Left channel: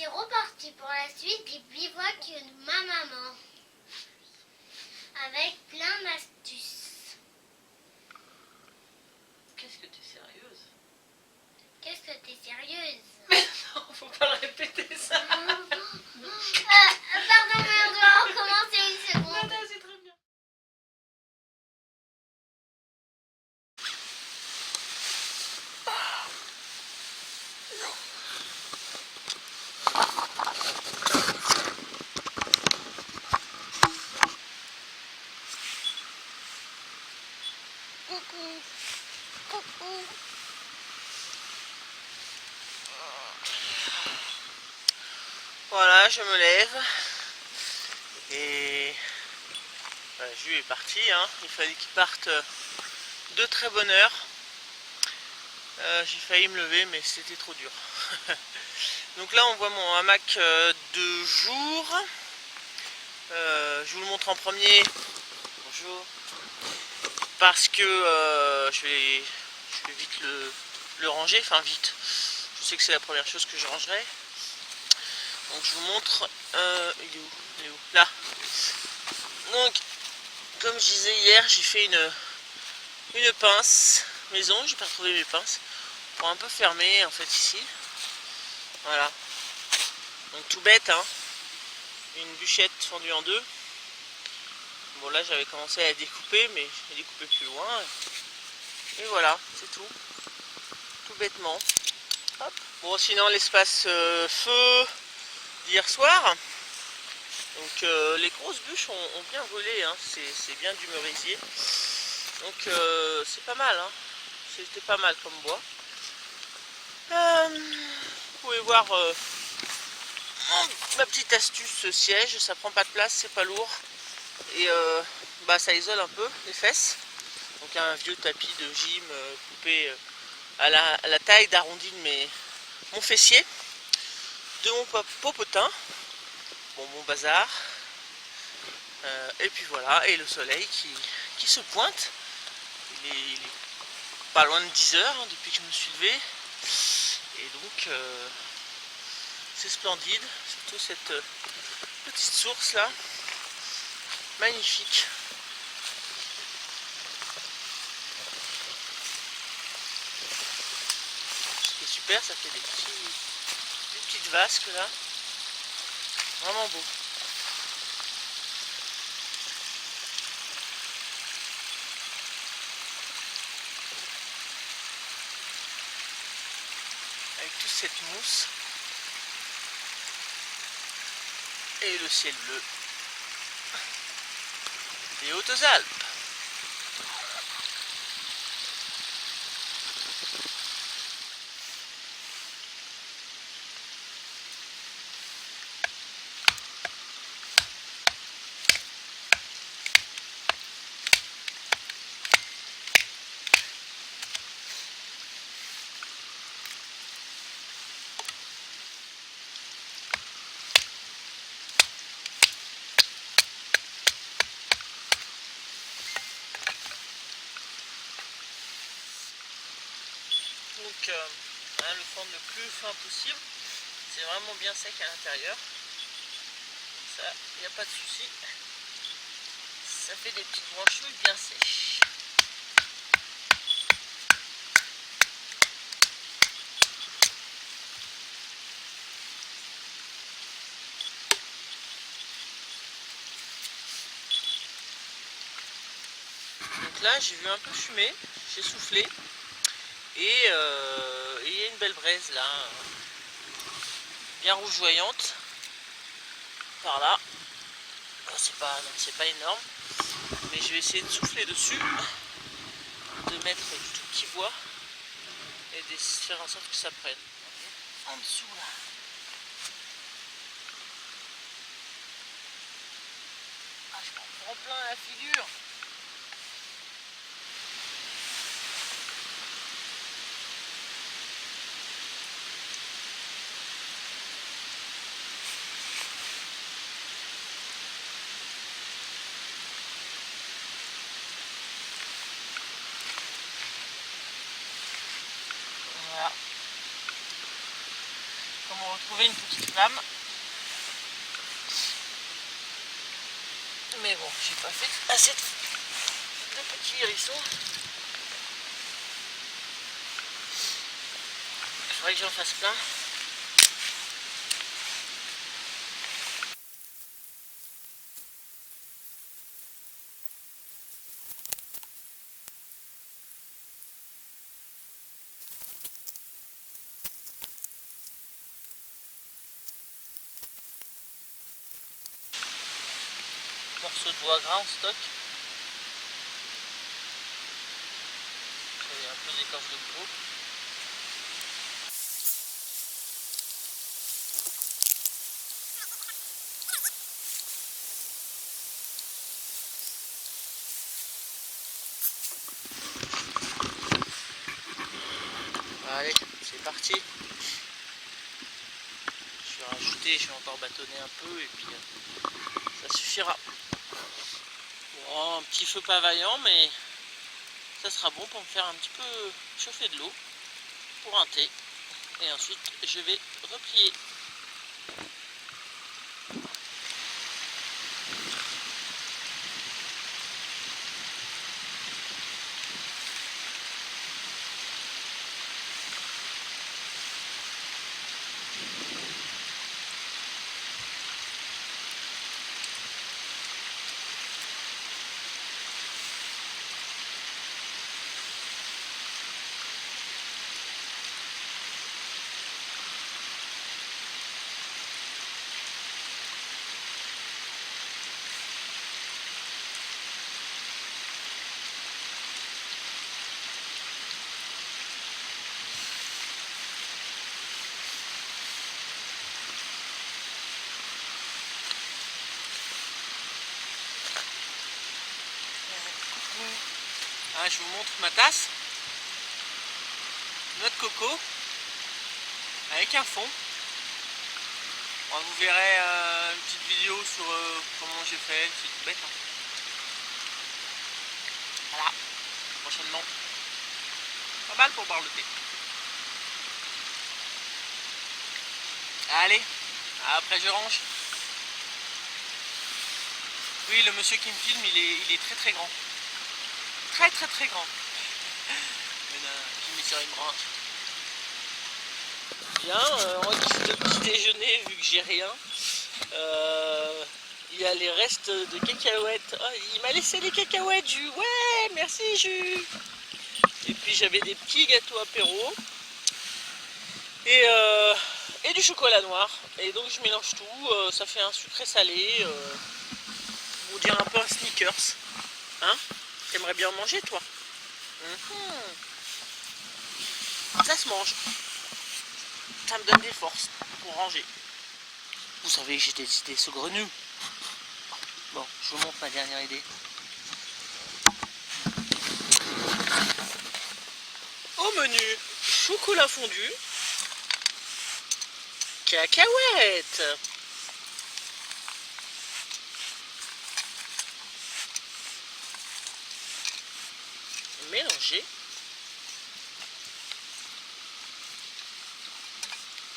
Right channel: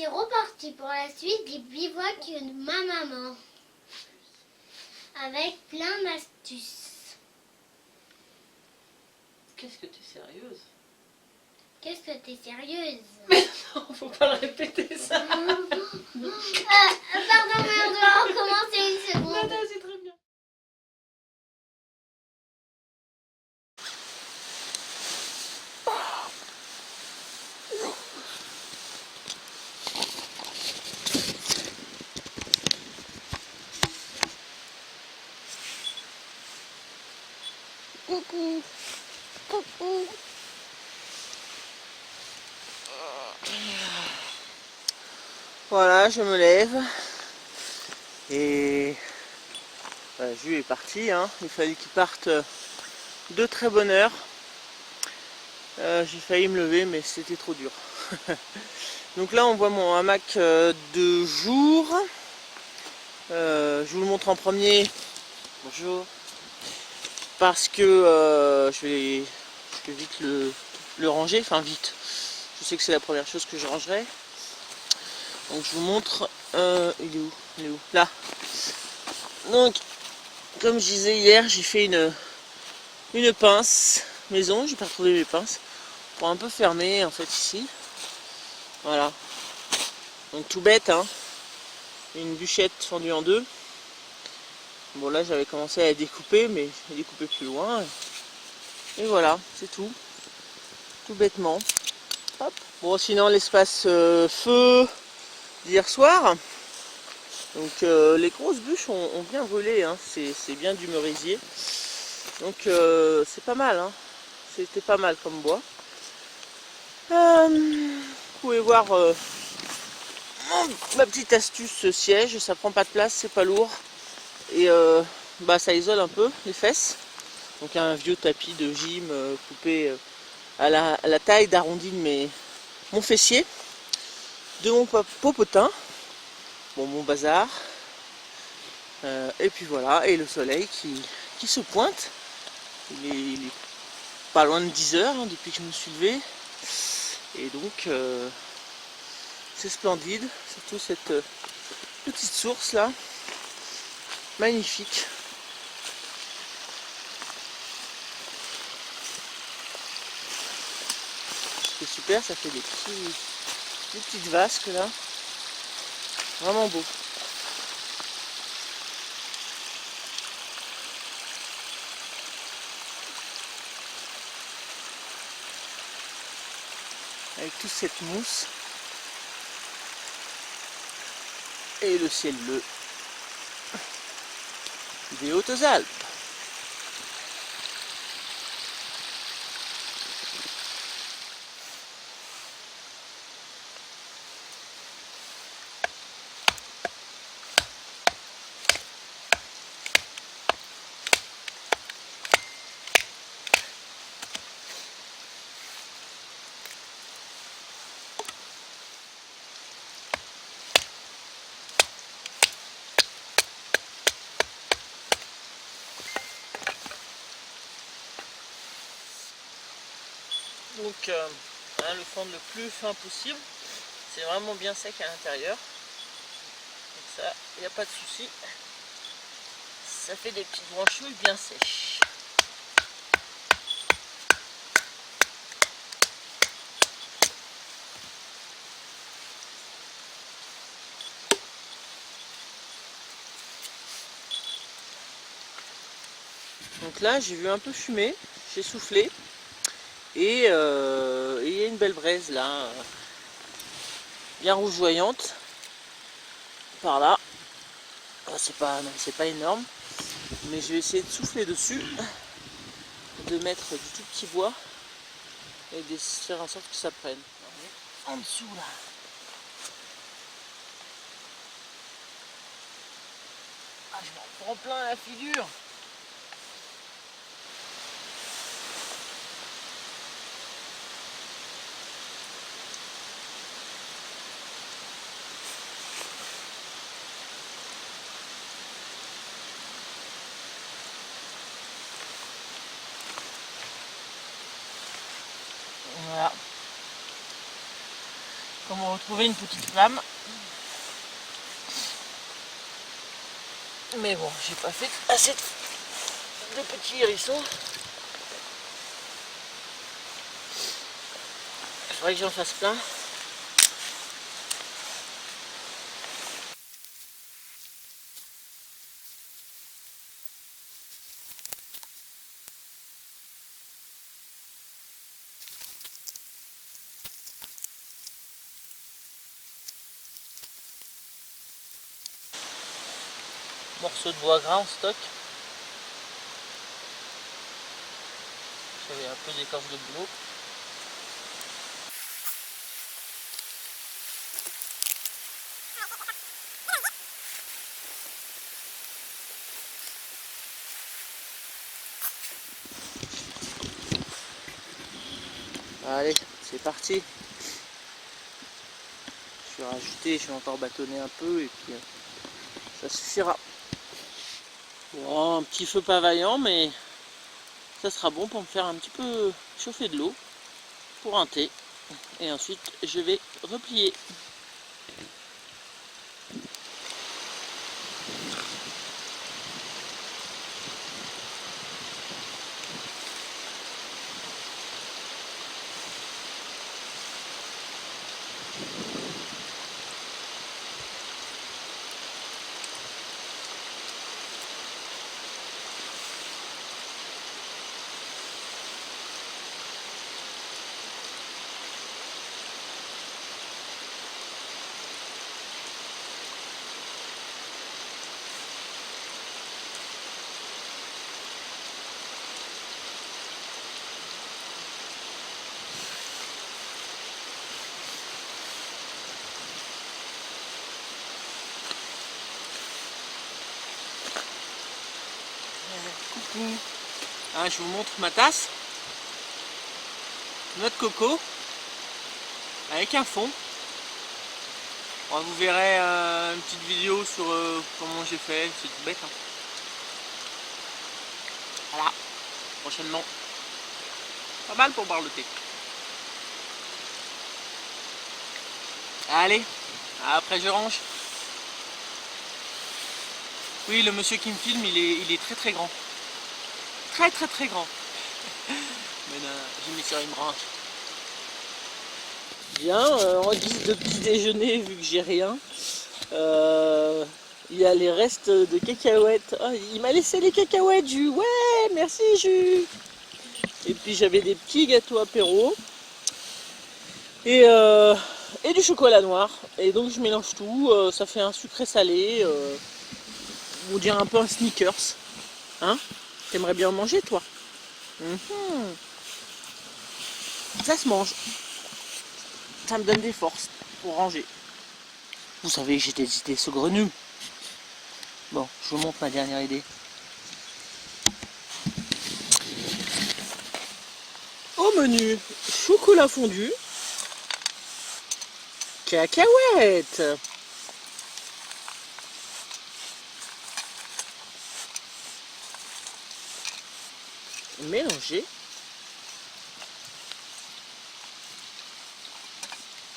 c'est reparti pour la suite du bivouac de ma maman. Avec plein d'astuces. Qu'est-ce que t'es sérieuse? Qu'est-ce que t'es sérieuse? Mais non, faut pas le répéter ça. Pardon, mais on doit recommencer une seconde. Non, non, c'est très bien. Coucou. Coucou. Voilà, je me lève. Et voilà, Jules est parti. Hein. Il fallait qu'il parte de très bonne heure. J'ai failli me lever, mais c'était trop dur. Donc là, on voit mon hamac de jour. Je vous le montre en premier. Bonjour. Parce que je vais vite le ranger. Enfin, vite. Je sais que c'est la première chose que je rangerai. Donc je vous montre. Il est où? Il est où? Là. Donc, comme je disais hier, j'ai fait une pince maison. J'ai pas retrouvé mes pinces. Pour un peu fermer en fait ici. Voilà. Donc tout bête, hein. Une bûchette fendue en deux. Bon là j'avais commencé à la découper, mais j'ai découpé plus loin. Et voilà, c'est tout. Tout bêtement. Hop. Bon sinon l'espace feu d'hier soir. Donc les grosses bûches ont bien brûlé, hein. C'est bien du merisier. Donc c'est pas mal, hein. C'était pas mal comme bois. Vous pouvez voir ma petite astuce, ce siège, ça prend pas de place, c'est pas lourd. Et bah, ça isole un peu les fesses. Donc un vieux tapis de gym coupé à la taille d'arrondi de mon fessier, de mon popotin, bon, mon bazar. Et puis voilà, et le soleil qui se pointe. Il est pas loin de 10 heures hein, depuis que je me suis levé. Et donc c'est splendide, surtout cette petite source là, magnifique. C'est super, ça fait des petites vasques là, vraiment beau. Avec toute cette mousse et le ciel bleu des Hautes-Alpes. Donc hein, le fendre le plus fin possible, c'est vraiment bien sec à l'intérieur. Donc ça, il n'y a pas de souci. Ça fait des petites branchouilles bien sèches. Donc là j'ai vu un peu fumer, j'ai soufflé et il y a une belle braise là, bien rougeoyante par là. C'est pas énorme, mais je vais essayer de souffler dessus, de mettre du tout petit bois et de faire en sorte que ça prenne. En dessous là. Ah, je m'en prends plein la figure. Voilà. Comme on retrouver une petite flamme. Mais bon, j'ai pas fait assez de petits hérissons. Il faudrait que j'en fasse plein. Morceau de bois gras en stock. J'avais un peu d'écorce de boulot. Allez, c'est parti. Je vais rajouter, je vais encore bâtonner un peu et puis ça suffira. Bon, un petit feu pas vaillant, mais ça sera bon pour me faire un petit peu chauffer de l'eau pour un thé. Et ensuite, je vais replier. Coucou. Ah, je vous montre ma tasse. Noix de coco avec un fond. Bon, vous verrez une petite vidéo sur comment j'ai fait, c'est tout bête. Hein. Voilà, prochainement. Pas mal pour boire le thé. Allez, après je range. Oui, le monsieur qui me filme, il est très très grand. Très très très grand. Mais j'ai mis sur une branche. Bien, en guise de petit déjeuner, vu que j'ai rien, il y a les restes de cacahuètes. Oh, il m'a laissé les cacahuètes, Jus. Ouais, merci Jus. Et puis j'avais des petits gâteaux apéro et du chocolat noir. Et donc je mélange tout, ça fait un sucré salé. On dirait un peu un sneakers. Hein? T'aimerais bien en manger, toi? Ça se mange. Ça me donne des forces pour ranger. Vous savez que j'étais saugrenu. Bon, je vous montre ma dernière idée. Au menu, chocolat fondu, cacahuètes. Mélanger.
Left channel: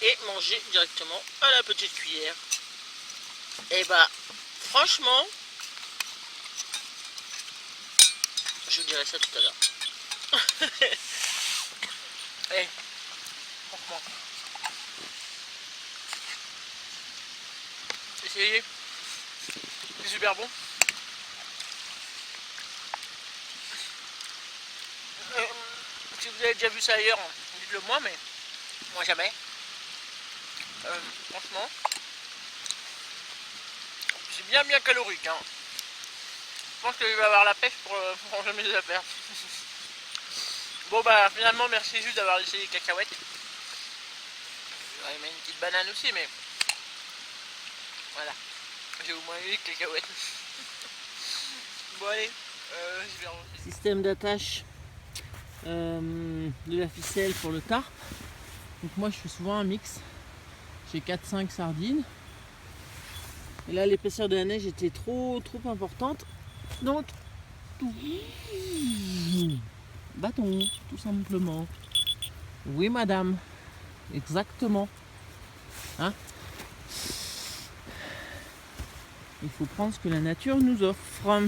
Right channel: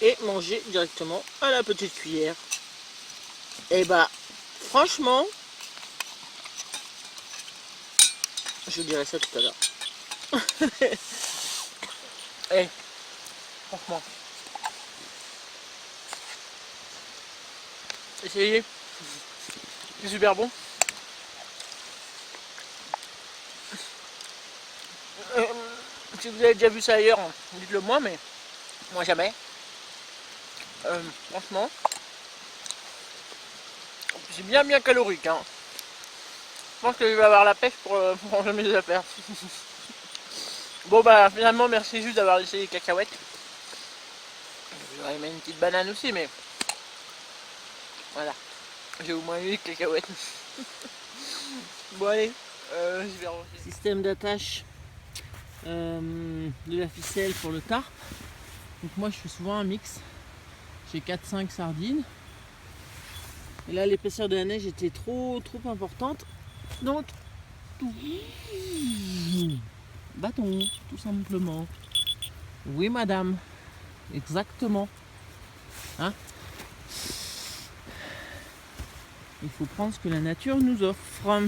Et manger directement à la petite cuillère. Et bah, franchement, je vous dirai ça tout à l'heure. Eh, franchement, essayez, c'est super bon. Si vous avez déjà vu ça ailleurs, dites-le moi, mais moi jamais. Franchement, c'est bien calorique. Hein. Je pense que je vais avoir la pêche pour ranger mes affaires. Bon bah finalement merci juste d'avoir laissé les cacahuètes. J'aurais aimé une petite banane aussi, mais voilà, j'ai au moins eu les cacahuètes. Bon allez, je vais ranger. Système d'attache de la ficelle pour le tarp. Donc moi je fais souvent un mix. J'ai 4-5 sardines. Et là l'épaisseur de la neige était trop importante. Donc bâton, tout simplement. Oui madame, exactement. Hein? Il faut prendre ce que la nature nous offre.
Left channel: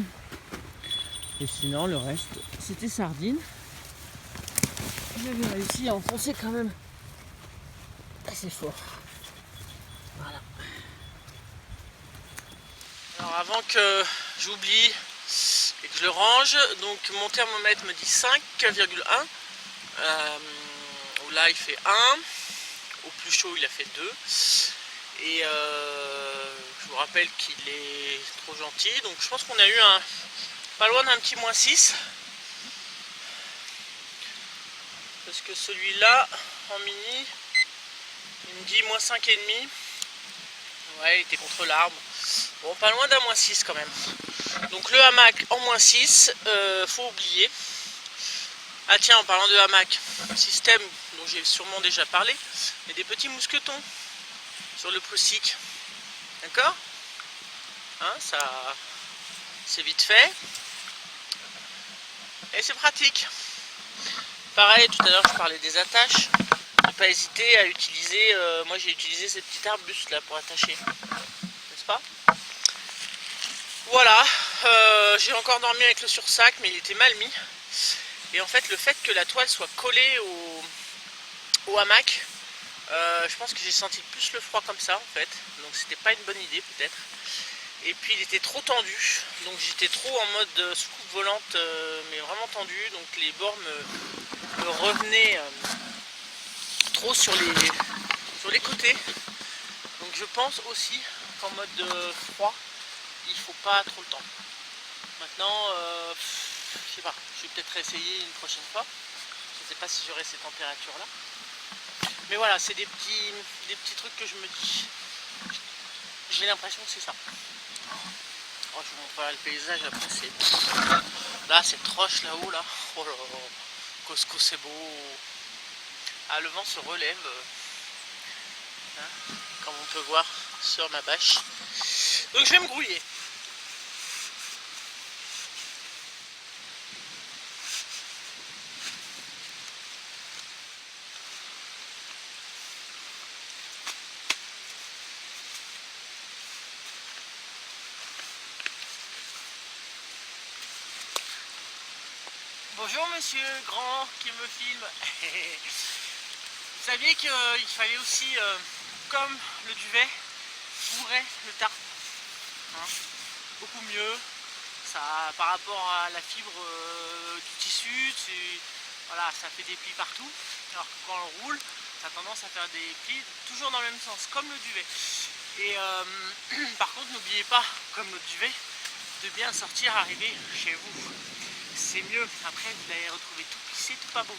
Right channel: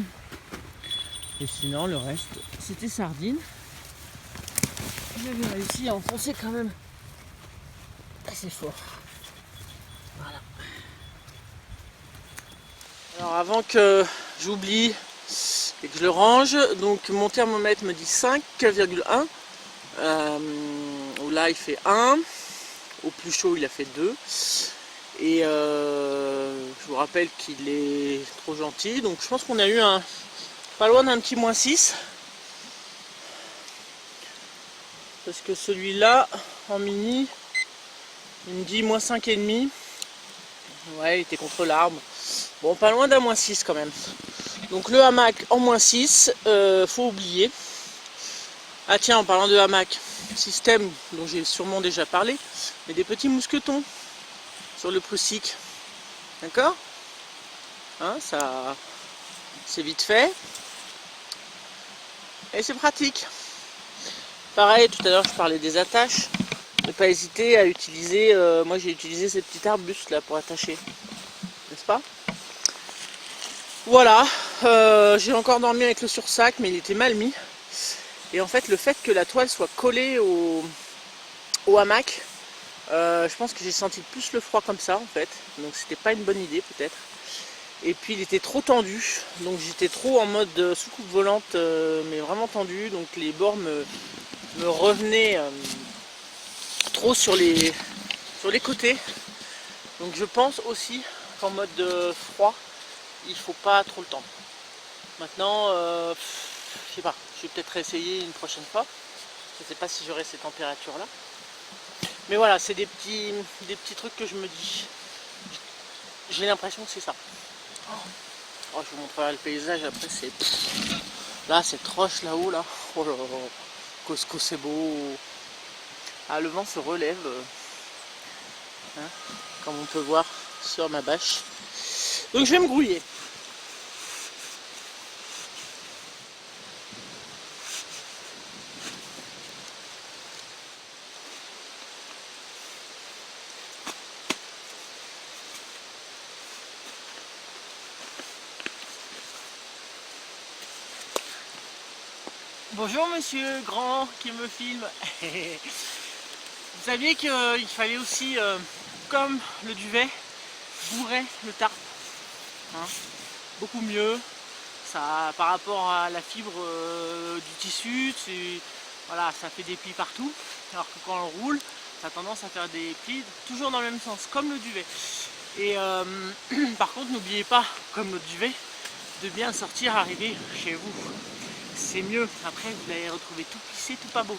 Et sinon, le reste, c'était sardine. J'avais réussi à enfoncer quand même assez fort. Voilà. Alors avant que j'oublie et que je le range, donc mon thermomètre me dit 5,1. Là il fait 1. Au plus chaud il a fait 2. Et je vous rappelle qu'il est trop gentil. Donc je pense qu'on a eu pas loin d'un petit -6. Parce que celui-là, en mini, il me dit -5,5. Ouais, il était contre l'arbre. Bon, pas loin d'un -6 quand même. Donc le hamac en -6, faut oublier. Ah tiens, en parlant de hamac, système dont j'ai sûrement déjà parlé, mais des petits mousquetons sur le Prusik. D'accord, hein, ça, c'est vite fait. Et c'est pratique. Pareil, tout à l'heure je parlais des attaches. Ne pas hésiter à utiliser, moi j'ai utilisé ces petits arbustes là pour attacher. N'est-ce pas? Voilà, j'ai encore dormi avec le sursac, mais il était mal mis. Et en fait, le fait que la toile soit collée au hamac, je pense que j'ai senti plus le froid comme ça en fait. Donc c'était pas une bonne idée peut-être. Et puis il était trop tendu, donc j'étais trop en mode soucoupe volante, mais vraiment tendu. Donc les bords me revenaient trop sur les côtés. Donc je pense aussi qu'en mode froid, il faut pas trop le temps. Maintenant, je sais pas, je vais peut-être essayer une prochaine fois. Je sais pas si j'aurai ces températures là. Mais voilà, c'est des petits trucs que je me dis. J'ai l'impression que c'est ça. Oh, je vous montrerai le paysage après. Là, cette roche là-haut là. Oh là là. Cosco, c'est beau. Ah, le vent se relève. Hein, comme on peut voir sur ma bâche. Donc je vais me grouiller. Bonjour monsieur grand qui me filme. Vous saviez qu'il fallait aussi, comme le duvet, bourrer le tarp. Hein, beaucoup mieux. Ça, par rapport à la fibre du tissu, voilà, ça fait des plis partout. Alors que quand on roule, ça a tendance à faire des plis toujours dans le même sens, comme le duvet. Et par contre, n'oubliez pas, comme le duvet, de bien sortir, arriver chez vous. C'est mieux. Après, vous allez retrouver tout plissé, tout pas beau.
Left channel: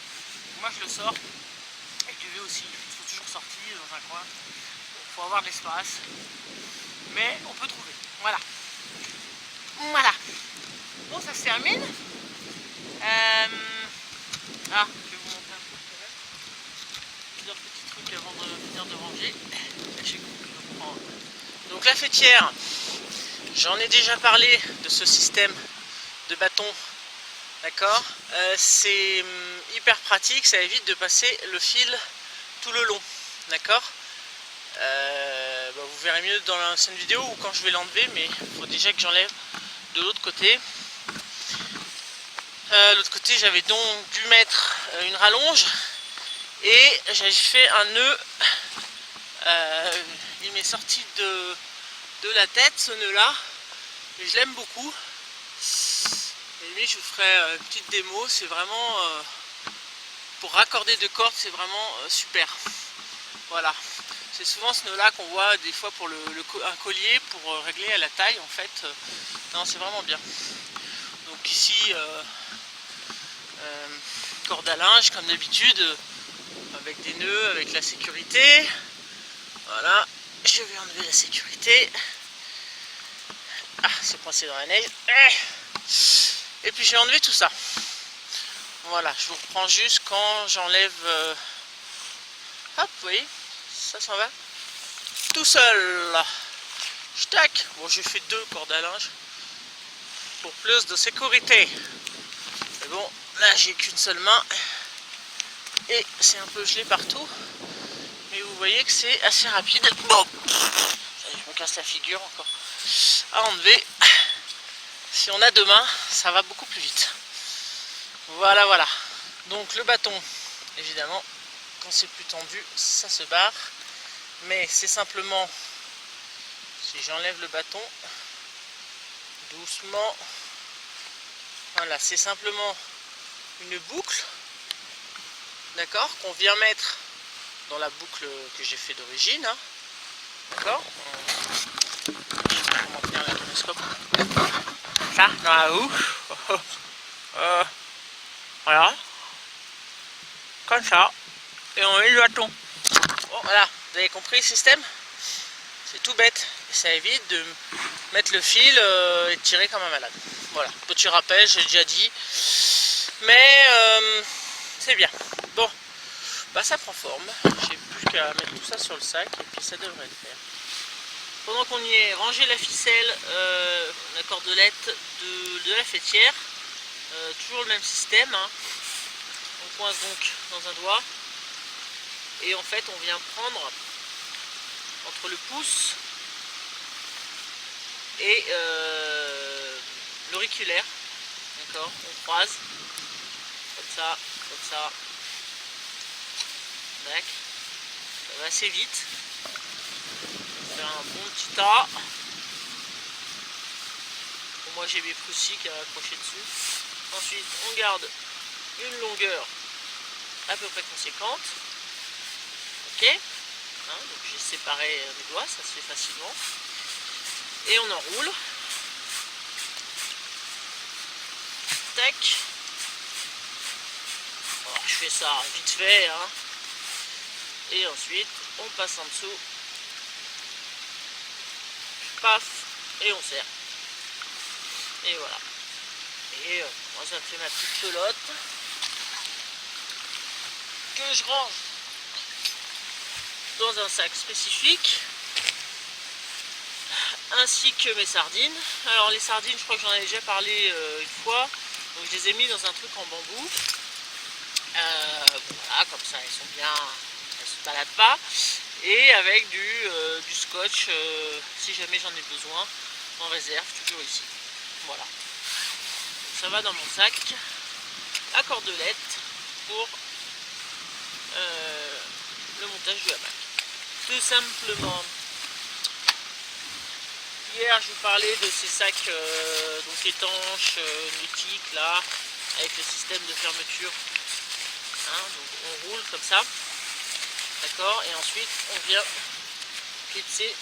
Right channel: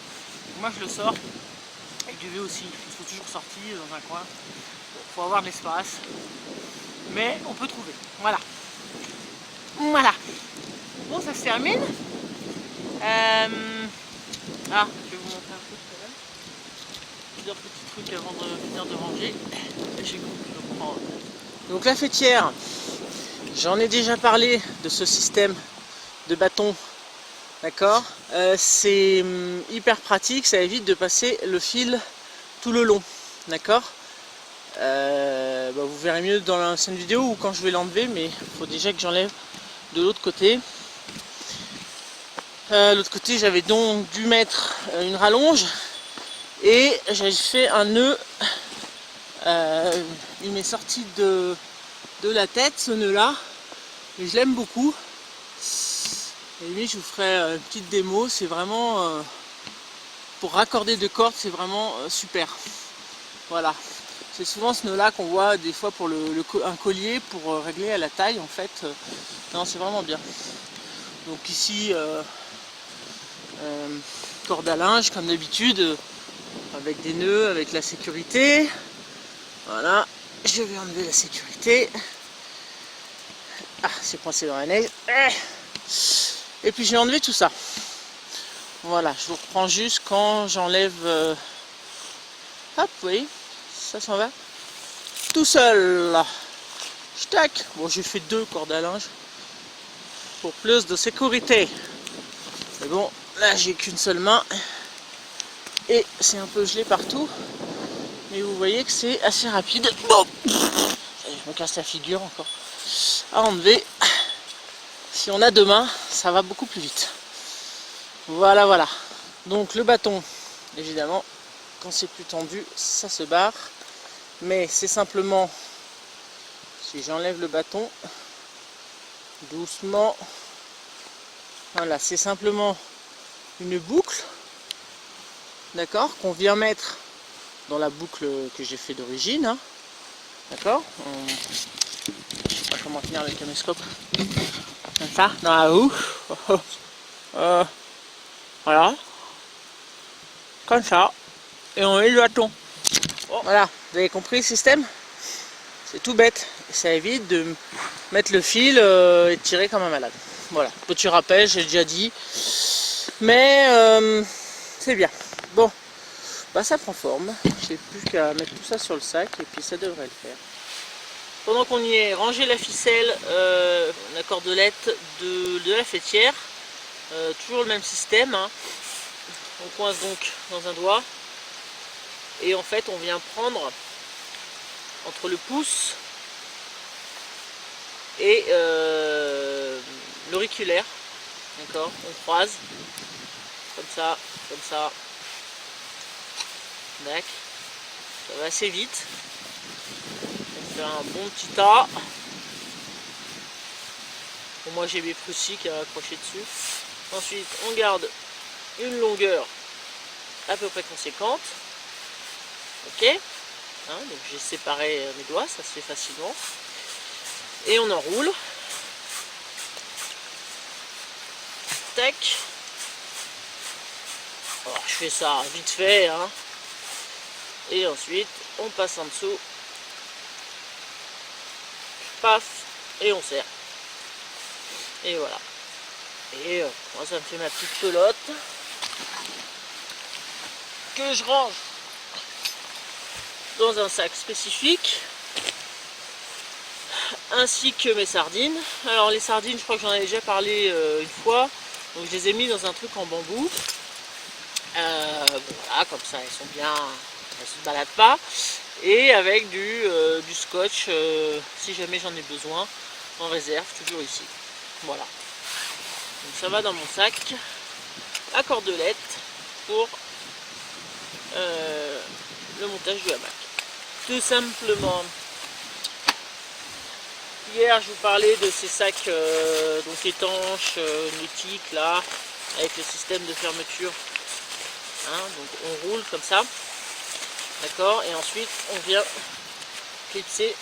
Moi, je le sors. Et le duvet aussi. Il faut toujours sortir dans un coin. Il faut avoir de l'espace. Mais on peut trouver. Voilà. Voilà. Bon, ça se termine. Ah, je vais vous montrer un truc quand même. Plusieurs petits trucs avant de finir de ranger. J'ai compris de prendre. Donc la fêtière, j'en ai déjà parlé de ce système de bâton. D'accord, c'est hyper pratique, ça évite de passer le fil tout le long. D'accord, vous verrez mieux dans l'ancienne vidéo ou quand je vais l'enlever, mais il faut déjà que j'enlève de l'autre côté. L'autre côté, j'avais donc dû mettre une rallonge et j'ai fait un nœud. Il m'est sorti de la tête ce nœud là, et je l'aime beaucoup. Et lui, je vous ferai une petite démo. C'est vraiment pour raccorder deux cordes, c'est vraiment super. Voilà, c'est souvent ce nœud là qu'on voit des fois pour un collier pour régler à la taille en fait. Non, c'est vraiment bien. Donc ici corde à linge comme d'habitude, avec des nœuds, avec la sécurité. Voilà, je vais enlever la sécurité. Ah, c'est coincé dans la neige. Et puis j'ai enlevé tout ça. Voilà, je vous reprends juste quand j'enlève. Hop, vous voyez, ça s'en va tout seul. Tac. Bon, j'ai fait 2 cordes à linge pour plus de sécurité. Mais bon, là j'ai qu'une seule main et c'est un peu gelé partout. Mais vous voyez que c'est assez rapide. Bon, je me casse la figure encore à enlever. Si on a deux mains, ça va beaucoup plus vite. Voilà, voilà. Donc le bâton, évidemment, quand c'est plus tendu, ça se barre. Mais c'est simplement, si j'enlève le bâton, doucement, voilà, c'est simplement une boucle, d'accord, qu'on vient mettre dans la boucle que j'ai fait d'origine, hein, d'accord. Je sais pas comment tenir le caméscope. Comme ça, dans la roue. Voilà. Comme ça. Et on met le bâton. Voilà, vous avez compris le système? C'est tout bête. Ça évite de mettre le fil et de tirer comme un malade. Voilà, petit rappel, j'ai déjà dit. Mais c'est bien. Bon, bah ça prend forme. J'ai plus qu'à mettre tout ça sur le sac et puis ça devrait le faire. Pendant qu'on y est, ranger la ficelle, la cordelette de la fêtière. Toujours le même système. Hein. On coince donc dans un doigt. Et en fait, on vient prendre entre le pouce et l'auriculaire. D'accord, on croise. Comme ça, comme ça. Tac. Ça va assez vite. On fait un bon petit tas. Bon, moi j'ai mes prussiques à accrocher dessus. Ensuite, on garde une longueur à peu près conséquente. Ok. Hein, donc j'ai séparé mes doigts, ça se fait facilement. Et on enroule. Tac. Alors, je fais ça vite fait. Hein. Et ensuite, on passe en dessous. Paf. Et on serre. Et voilà. Et moi, ça me fait ma petite pelote. Que je range dans un sac spécifique. Ainsi que mes sardines. Alors les sardines, je crois que j'en avais déjà parlé une fois. Donc je les ai mis dans un truc en bambou. Voilà, comme ça elles sont bien, elles se baladent pas. Et avec du scotch, si jamais j'en ai besoin, en réserve, toujours ici. Voilà. Donc ça va dans mon sac à cordelette pour le montage du hamac. Tout simplement. Hier je vous parlais de ces sacs donc étanches, nautiques là, avec le système de fermeture. Hein, donc on roule comme ça, d'accord, et ensuite on vient clipser.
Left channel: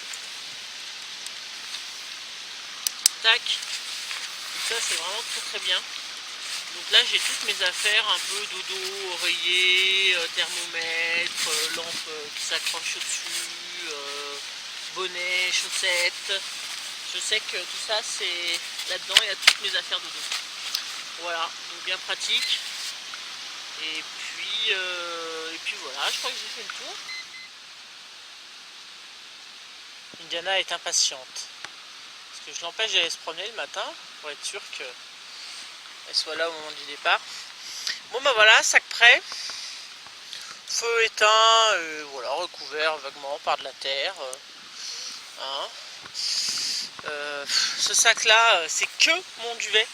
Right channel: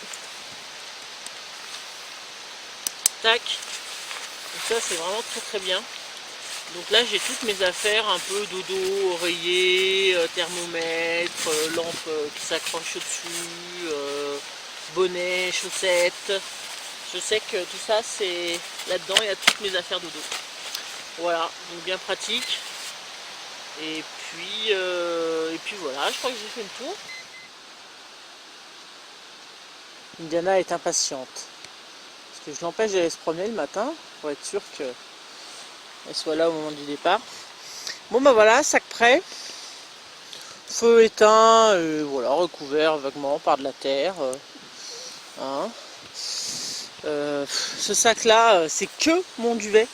Tac. Donc ça c'est vraiment très très bien. Donc là j'ai toutes mes affaires, un peu dodo, oreiller, thermomètre, lampe qui s'accroche au-dessus, bonnet, chaussettes. Je sais que tout ça c'est là-dedans, il y a toutes mes affaires dodo. Voilà, donc bien pratique. Et puis voilà, je crois que j'ai fait le tour. Indiana est impatiente. Parce que je l'empêche d'aller se promener le matin pour être sûr qu'elle soit là au moment du départ. Bon bah voilà, sac prêt. Feu éteint, voilà, recouvert vaguement par de la terre. Hein. Ce sac là, c'est que mon duvet.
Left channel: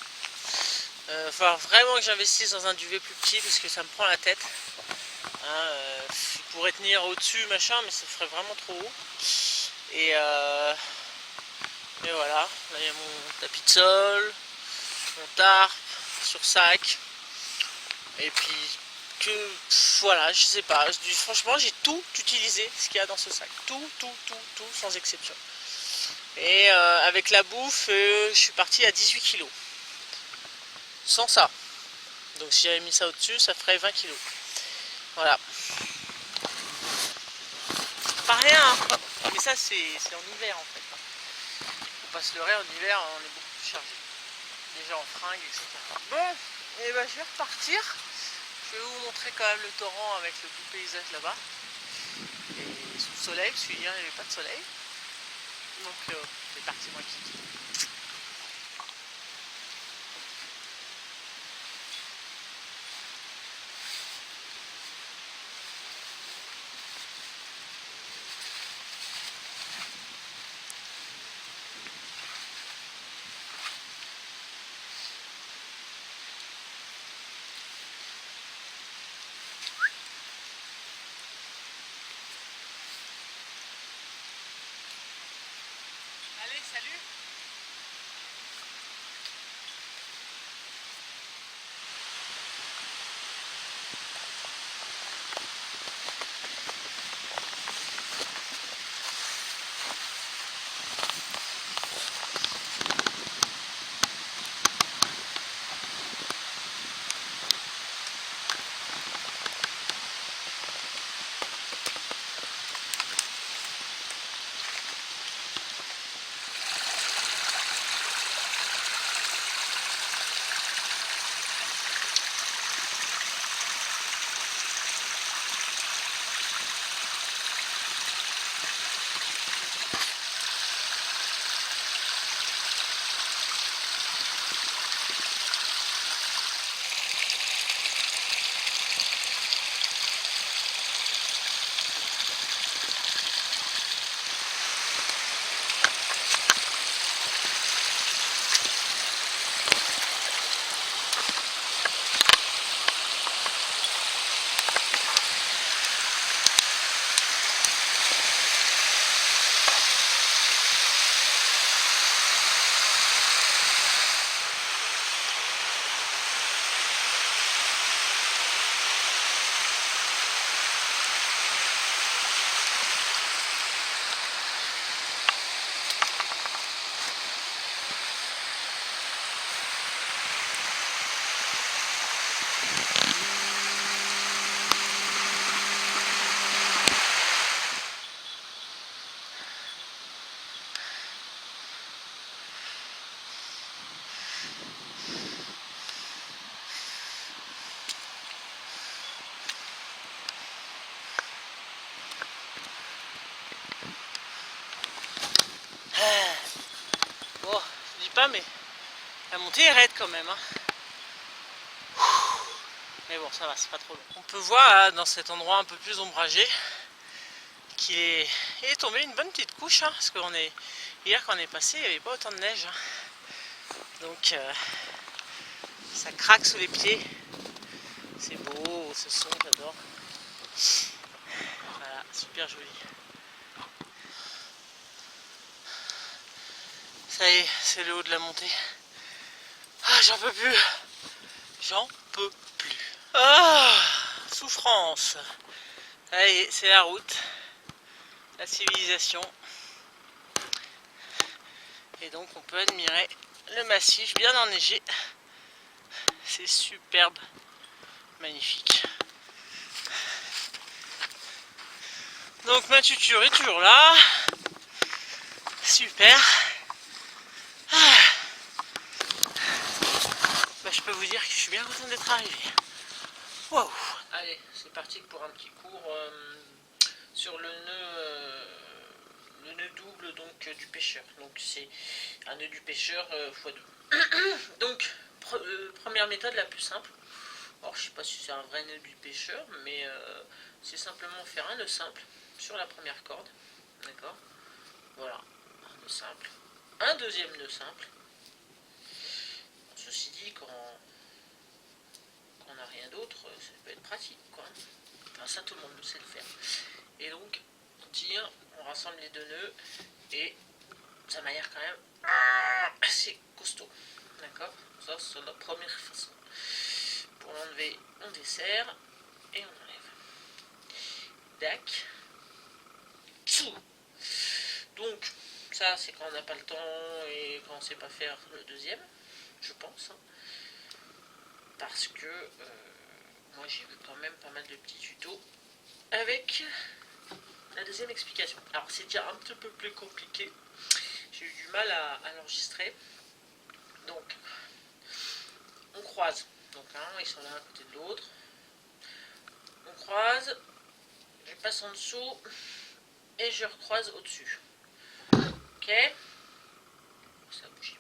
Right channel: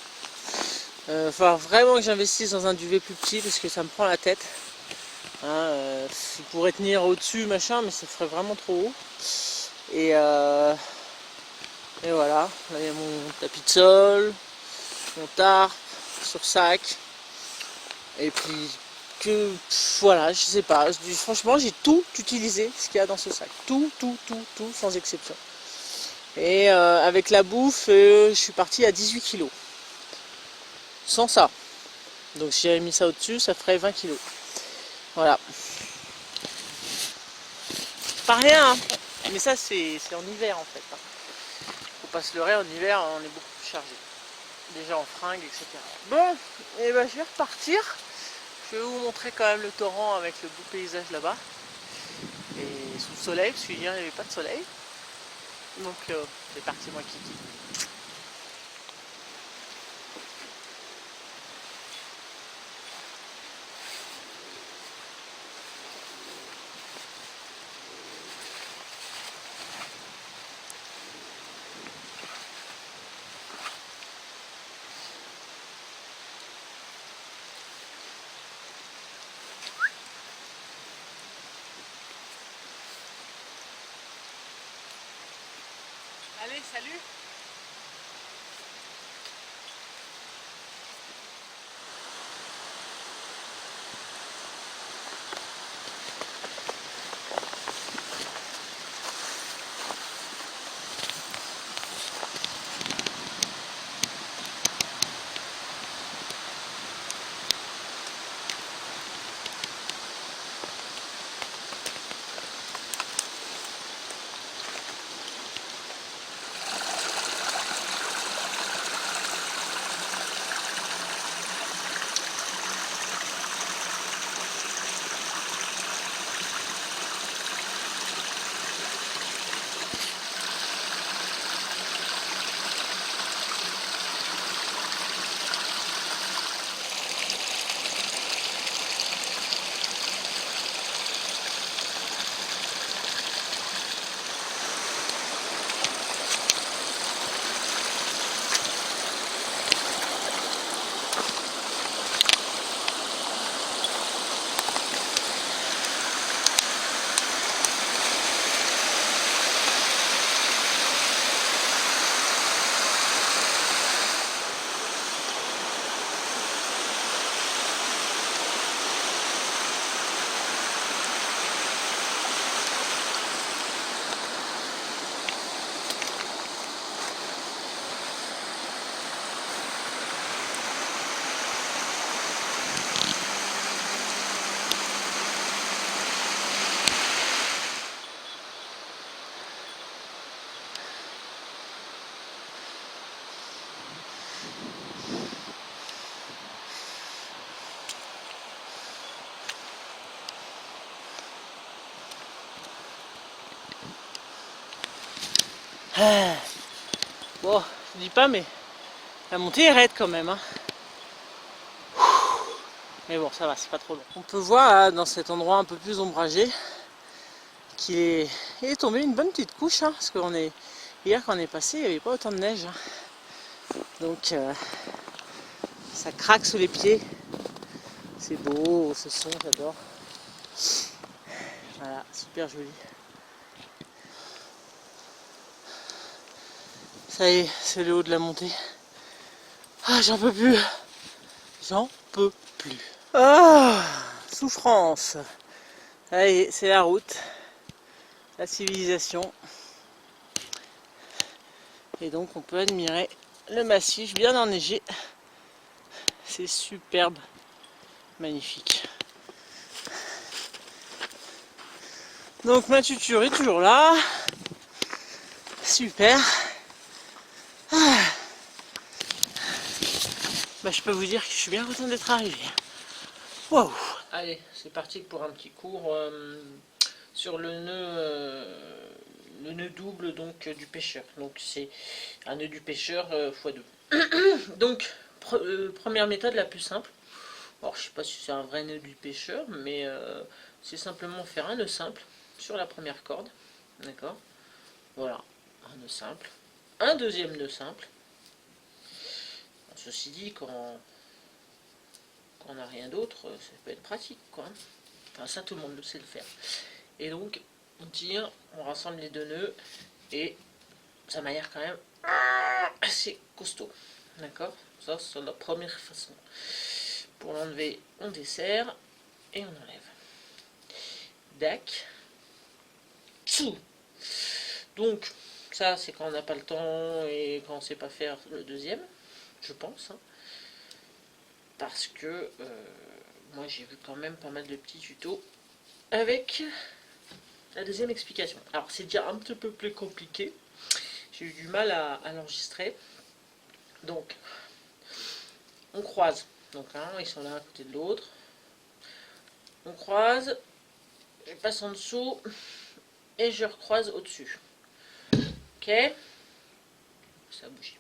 Il va falloir vraiment que j'investisse dans un duvet plus petit parce que ça me prend la tête. Hein, il pourrait tenir au-dessus, machin, mais ça ferait vraiment trop haut. Et voilà, là il y a mon tapis de sol, mon tarp sur sac. Et puis voilà, je sais pas. Franchement, j'ai tout utilisé ce qu'il y a dans ce sac. Tout, sans exception. Et avec la bouffe, je suis parti à 18 kg. Sans ça. Donc si j'avais mis ça au-dessus, ça ferait 20 kg. Voilà. Pas rien, hein. Mais ça c'est en hiver en fait. Faut pas se leurrer, en hiver on est beaucoup plus chargé. Déjà en fringues, etc. Bon, et ben je vais repartir. Je vais vous montrer quand même le torrent avec le beau paysage là-bas. Et sous le soleil, parce qu'hier il n'y avait pas de soleil. Donc c'est parti moi kiki. Allez, salut. Bon, je dis pas, mais la montée est raide quand même. Hein. Mais bon, ça va, c'est pas trop long. On peut voir là, dans cet endroit un peu plus ombragé qu'il est tombé une bonne petite couche. Hein, parce qu'on est hier quand on est passé, il n'y avait pas autant de neige. Hein. Donc ça craque sous les pieds. C'est beau, ce son, j'adore. Voilà, super joli. Ça y est, c'est le haut de la montée. Ah, j'en peux plus. J'en peux plus. Ah, souffrance. Ça y est, c'est la route. La civilisation. Et donc on peut admirer le massif bien enneigé. C'est superbe. Magnifique. Donc ma tuture est toujours là. Super. Ah. Bah, je peux vous dire que je suis bien content d'être arrivé. Wow. Allez, c'est parti pour un petit cours sur le nœud double donc du pêcheur. Donc c'est un nœud du pêcheur x2. Donc première méthode la plus simple. Alors je sais pas si c'est un vrai nœud du pêcheur, mais c'est simplement faire un nœud simple sur la première corde. D'accord. Voilà, un nœud simple. Un deuxième nœud simple. Ceci dit, quand on n'a rien d'autre, ça peut être pratique, quoi. Enfin, ça, tout le monde sait le faire. Et donc, on tire, on rassemble les deux nœuds, et ça m'a l'air quand même assez costaud. D'accord. Ça, c'est la première façon. Pour l'enlever, on desserre, et on enlève. Dac. Tsou. Donc, ça, c'est quand on n'a pas le temps, et quand on ne sait pas faire le deuxième, je pense, hein. Parce que moi j'ai vu quand même pas mal de petits tutos avec la deuxième explication. Alors c'est déjà un petit peu plus compliqué, j'ai eu du mal à l'enregistrer. Donc on croise, donc hein, ils sont l'un à côté de l'autre, on croise, je passe en dessous et je recroise au dessus. Ok, ça a bougé,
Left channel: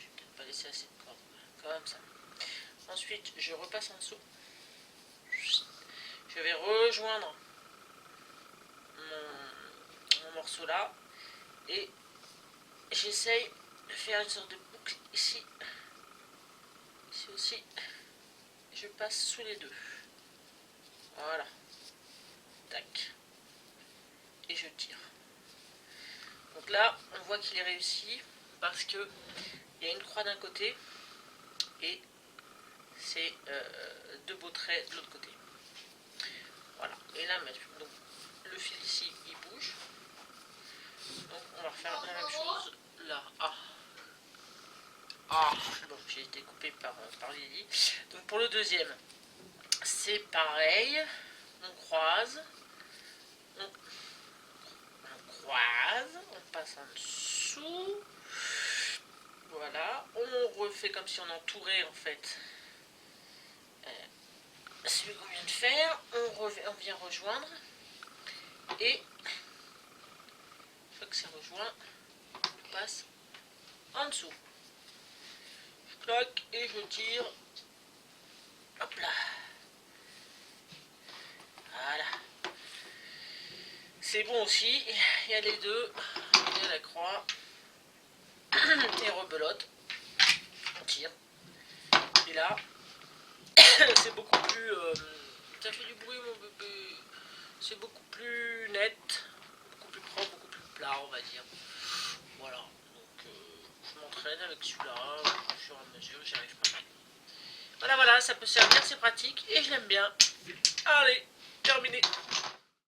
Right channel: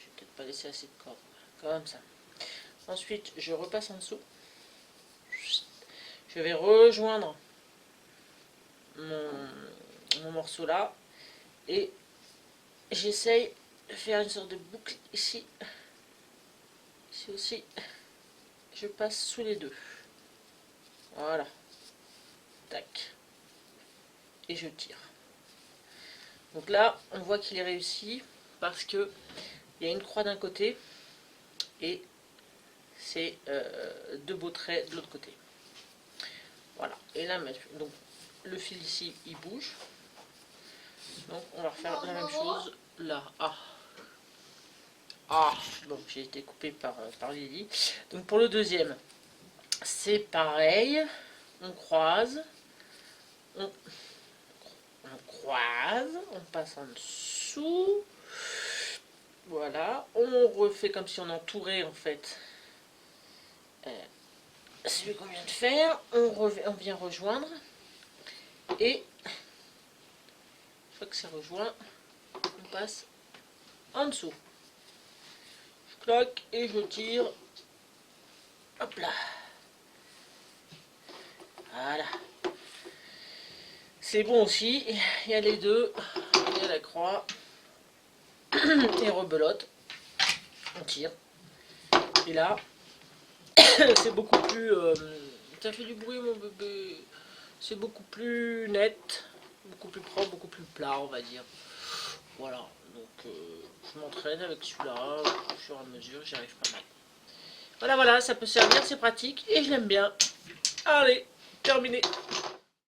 je vais peut-être pas laisser assez de corde, comme ça. Ensuite je repasse en dessous, je vais rejoindre mon morceau là et j'essaye de faire une sorte de boucle ici. Ici aussi, je passe sous les deux. Voilà. Tac. Et je tire. Donc là, on voit qu'il est réussi parce que il y a une croix d'un côté et c'est deux beaux traits de l'autre côté. Voilà. Et là, donc, le fil ici, il bouge. Donc on va refaire la même chose là. Bon, j'ai été coupé par Lily. Donc pour le deuxième, c'est pareil. On croise. On croise. On passe en dessous. Voilà. On refait comme si on entourait en fait celui qu'on vient de faire. On vient rejoindre. Et une fois que c'est rejoint, on passe en dessous. Je claque et je tire. Hop là. Voilà. C'est bon aussi. Il y a les deux. Il y a la croix. Et rebelote. On tire. Et là, c'est beaucoup plus... ça fait du bruit mon bébé. C'est beaucoup plus net. Beaucoup plus propre, beaucoup plus plat on va dire. Voilà. Donc je m'entraîne avec celui-là. Au fur et à mesure, j'y arrive pas mal. Voilà, ça peut servir, c'est pratique et je l'aime bien. Allez, terminé.